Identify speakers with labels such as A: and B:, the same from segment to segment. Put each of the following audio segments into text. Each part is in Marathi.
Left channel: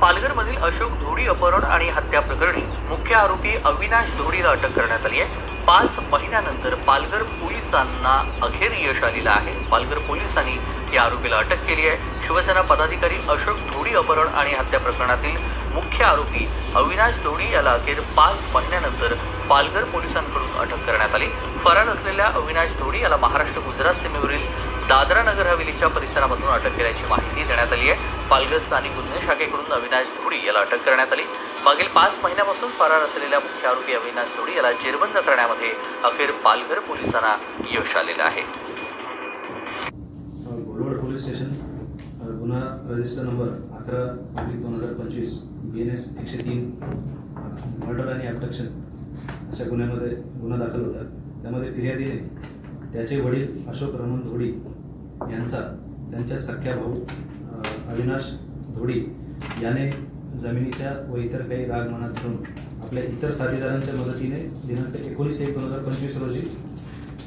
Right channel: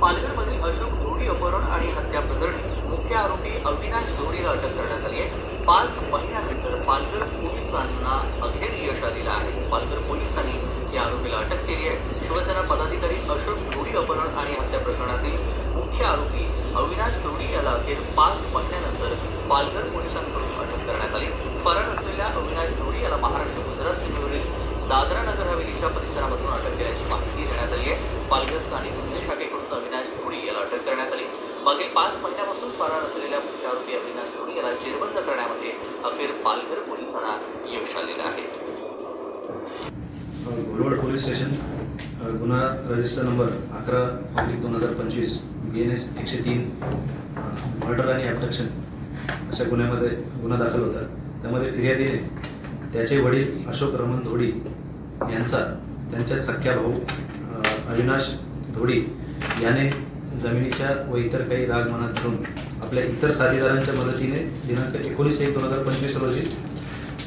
A: पालघरमधील अशोक धोडी अपहरण आणि हत्या प्रकरणी मुख्य आरोपी अविनाश धोडीला अटक करण्यात आली आहे. पाच महिन्यानंतर पालघर पोलिसांना अखेर यश आलेलं आहे. पालघर पोलिसांनी या आरोपीला अटक केली आहे. शिवसेना पदाधिकारी अशोक धोडी अपहरण आणि हत्या प्रकरणातील मुख्य आरोपी अविनाश धोडी याला अखेर पाच महिन्यानंतर पालघर पोलिसांकडून अटक करण्यात आली. फरार असलेल्या अविनाश धोडी याला महाराष्ट्र गुजरात सीमेवरील दादरा नगर हवेलीच्या परिसरामधून अटक केल्याची माहिती देण्यात आली आहे. पालघर स्थानिक गुन्हे शाखेकडून अविनाश धुडी याला अटक करण्यात आली. मागील पाच महिन्यापासून फरार असलेल्या मुख्य आरोपी अविनाश धुडी याला जेरबंद करण्यामध्ये अखेर पालघर पोलिसांना यश आलेलं आहे.
B: घोडवड पोलीस स्टेशन गुन्हा रजिस्टर नंबर अकरा पब्लिक दोन हजार पंचवीस बी एन एस एकशे तीन मर्डर आणि ॲबडक्शन अशा गुन्ह्यामध्ये गुन्हा दाखल होता. त्यामध्ये फिर्यादीने त्याचे वडील अशोक रमण धोडी यांचा त्यांच्या सख्या भाऊ अविनाश धोडी याने जमिनीच्या व इतर काही राग मनात धरून आपल्या इतर साथीदारांच्या मदतीने दिनांक एकोणीस एक दोन हजार पंचवीस रोजी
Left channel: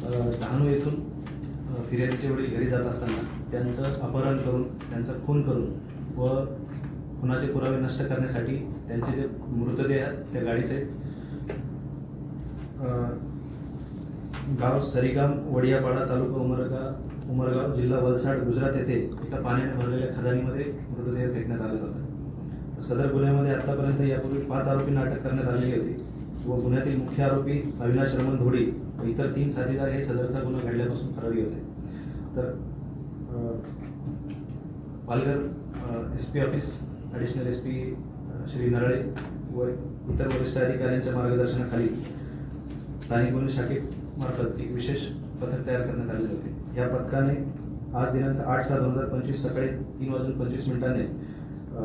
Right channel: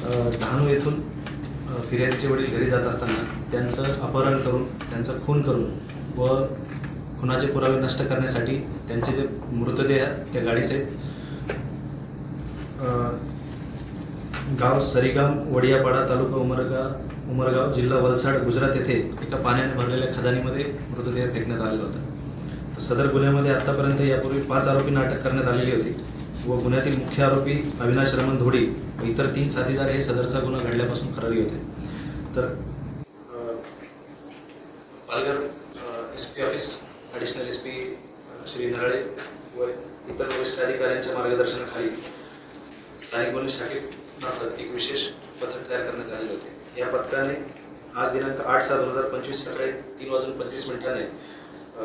B: डहाणू येथून फिर्यादीचे वडील घरी जात असताना त्यांचं अपहरण करून त्यांचा खून करून व खुनाचे पुरावे नष्ट करण्यासाठी त्यांचे जे मृतदेह त्या गाडीसहित गाव सरीगाम वडियापाडा तालुका उमरगा उमरगाव जिल्हा वलसाड गुजरात येथे एका पाण्याने भरलेल्या खदानीमध्ये मृतदेह फेकण्यात आलेला होता. तर सदर गुन्ह्यामध्ये आत्तापर्यंत यापूर्वी पाच आरोपींना अटक करण्यात आलेली होती व गुन्ह्यातील मुख्य आरोपी अविनाश रमण धोडी व इतर तीन साथीदार हे सदरचा गुन्हा घडल्यापासून फरारी होते. तर Palghar S P office additional S P Shri Narale व इतर वरिष्ठ अधिकाऱ्यांच्या मार्गदर्शनाखाली स्थानिक गुन्हे मार्फत एक विशेष पथक तयार करण्यात आलेले होते. या पथकाने आज दिनांक आठ सहा दोन हजार पंचवीस सकाळी तीन वाजून पंचवीस मिनिटांनी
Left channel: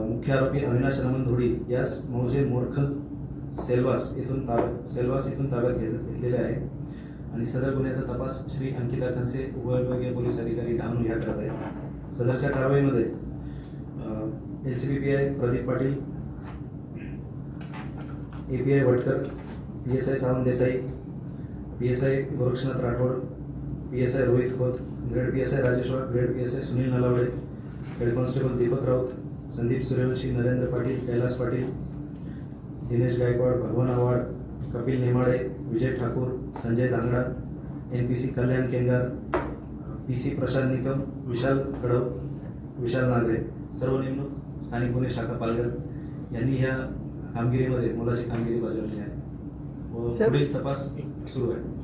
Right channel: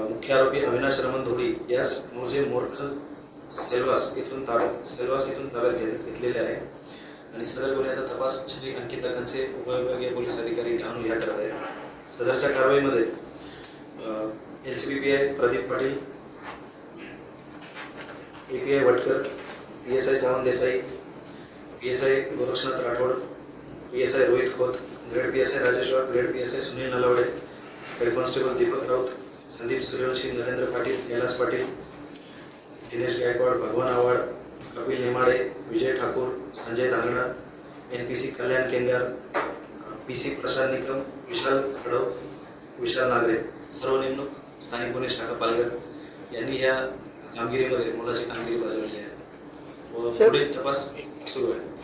B: मुख्य आरोपी अविनाश रमण धोडी यास मोजे मोरखल सेल्वास येथून ताब्यात सेल्वास येथून ताब्यात घेत घेतलेले आहे. आणि सदर गुन्ह्याचा तपास श्री अंकिता खनसे उपविभागीय पोलीस अधिकारी डहाणू ह्या करत आहे सदरच्या कारवाईमध्ये L C B P I Pradeep Patil A P I Vatkar P S I Sawant Desai P S I Gorakshnath Rathod P S I Rohit Khot grade P S I Rajeshwar grade P S I Sunil Nalawade head constable Deepak Raut Sandeep Suryavanshi Narendra Patil Kailas Patil Dinesh Gaikwad Bhagwan Avhad Kapil Nemade Vijay Thakur Sanjay Dhangda N P C Kalyan Kengar P C Prasad Nikam Vishal Khadav Vishal Nagare सर्व नेमणूक स्थानिक गुन्हे शाखा पालघर यांनी ह्या कामगिरीमध्ये मुलाची कामगिरी बजावली. व पुढील तपास सुरू आहे.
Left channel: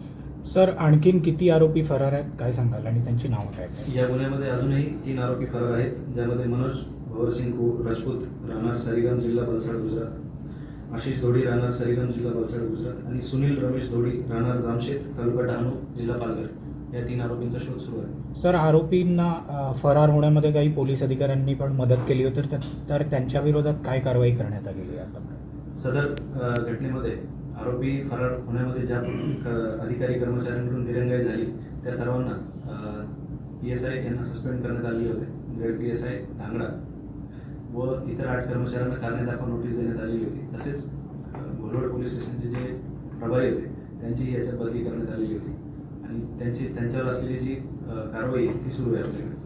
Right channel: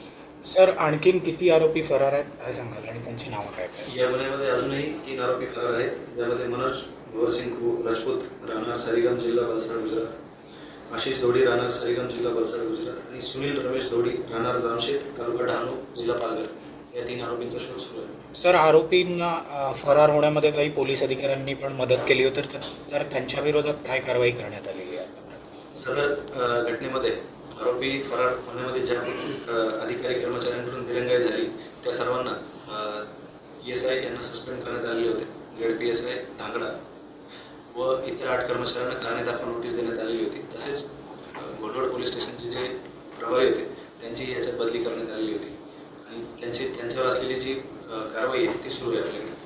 C: सर आणखीन किती आरोपी फरार आहेत काय सांगाल? आणि त्यांची नावं काय काय
B: या गुन्ह्यामध्ये अजूनही तीन आरोपी फरार आहेत ज्यामध्ये मनोज भोरसिंग कु राजपूत राहणार सरीगाम जिल्हा वलसाड गुजरात. आशिष धोडी राहणार सरीगाम जिल्हा वलसाड गुजरात. आणि सुनील रमेश धोडी राहणार जामशेत तालुका डहाणू जिल्हा पालघर. या तीन आरोपींचा शोध सुरू आहे.
C: सर आरोपींना फरार होण्यामध्ये काही पोलीस अधिकाऱ्यांनी पण मदत केली होती तर त्यांच्या विरोधात काय कारवाई करण्यात आलेली आहे आता?
B: सदर घटनेमध्ये आरोपी फरार होण्यामध्ये ज्या अधिकारी कर्मचाऱ्यांकडून दिरंगाई झाली त्या सर्वांना पी एस आय यांना सस्पेंड करण्यात आलेले होते. Grade P S I Dhangda व इतर आठ कर्मचाऱ्यांना कारणे दाखवा नोटीस देण्यात आलेली होती. तसेच घोडवड पोलीस स्टेशनचे जे प्रभारी होते त्यांची याच्यात बदली करण्यात आलेली होती. आणि त्यांची त्यांच्यावर असलेली जी कारवाई आहे ती सुरू आहे आपल्याकडे.